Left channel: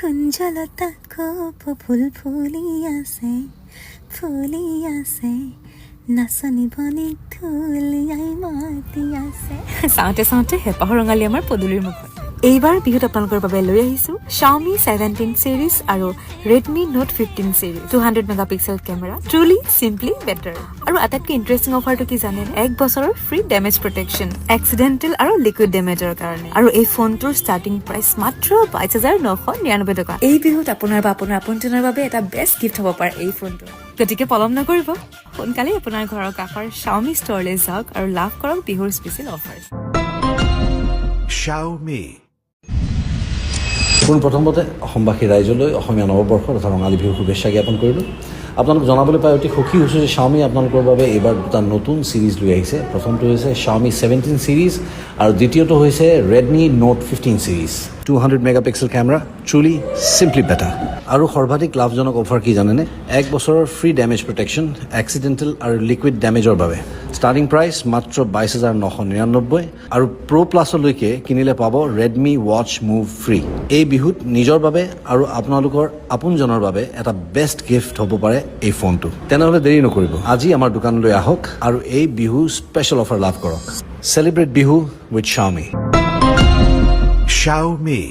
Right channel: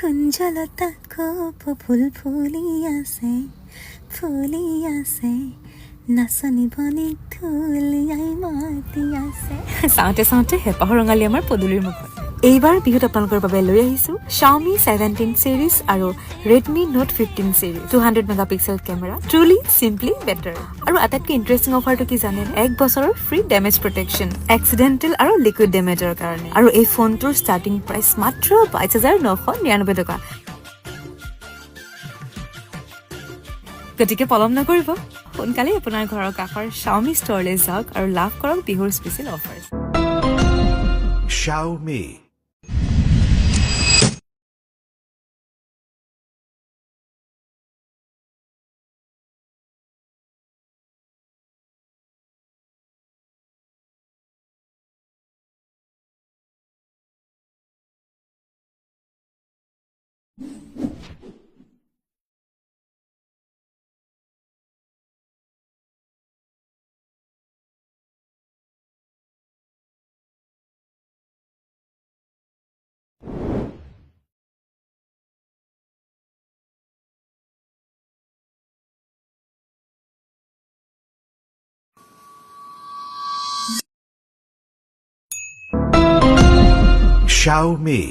কুঞ্জলতা কোপ ফুল ফুলি আছে নাচনি বনি ধুলিয়াই মাতি আছে চাওঁতে চাওঁতে হেঁপাহ ৰঙালী আমাৰ পদূলিৰ মুখত এইবাৰ বিহুত আপোনালোকৰ বাবে লৈ আহিছো Xiaomi 17 সিৰিজ আৰু Redmi Note 15 series 200 megapixel camera truly simply better আৰু আটাইতকৈ ইন্টাৰেষ্টিং অফাৰটো কি জানে 1 বছৰৰ ফ্ৰী ডেমেজ প্ৰটেকচন এক্সিডেন্টেল আৰু লিকুইড ডেমেজৰ কাৰণে আৰু এই ফোনটোৰ ষ্টাৰ্টিং প্ৰাইচ মাত্ৰ 22999 টকা এই বিহুত আপোনাৰ বা আপোনাৰ আপোনজনৰ বাবে এটা বেষ্ট গিফ্ট হ'ব পাৰে এই ফোনটো গতিকে পলম নকৰিব সোনকালে আপোনাৰ ঘৰৰ কাষৰ Xiaomi ষ্টৰলৈ যাওক আৰু লাভ কৰক বিহুৰ স্পেচিয়েল অফাৰ Xiaomi প্ৰথমতে অসমবাসী ৰাইজলৈ অসমীয়া নৱবৰ্ষৰ তথা ৰঙালী বিহুৰ শুভেচ্ছা জ্ঞাপন কৰিলোঁ আপোনালোক জনাবলৈ পাই অতি সুখী হৈছোঁ যে Xiaomi আপোনালোকৰ বাবে এইবাৰ দুটা নতুন সিৰিজ লৈ আহিছে প্ৰথমটো হৈছে Xiaomi 17 সিৰিজ আৰু দ্বিতীয়টো হৈছে Redmi Note 15 series 200 megapixel camera truly simply better আৰু সৰ্বাধিক লাভজনক অফাৰ কি জানেনে 1 বছৰৰ ফ্ৰী ডেমেজ প্ৰটেকচন এক্সিডেন্টেল আৰু লিকুইড ডেমেজৰ বাবে ষ্টাৰ্টিং প্ৰাইচ মাত্ৰ 22999 আৰু প্ৰ প্লাছলৈকে কিনিলে পাব Redmi Watch Move ফ্ৰী এই বিহুত নিজৰ বাবে আৰু আপোনালোকৰ আপোনজনৰ বাবে এটা বেষ্ট গিফ্ট হ'ব পাৰে এই ফোনটো তেনেহ'লে দেৰি নকৰিব আজি আমাৰ দোকানলৈ আহক আৰু এই বিহু স্পেচিয়েল অফাৰ লাভ কৰক celebrate Bihu with Xiaomi Xiaomi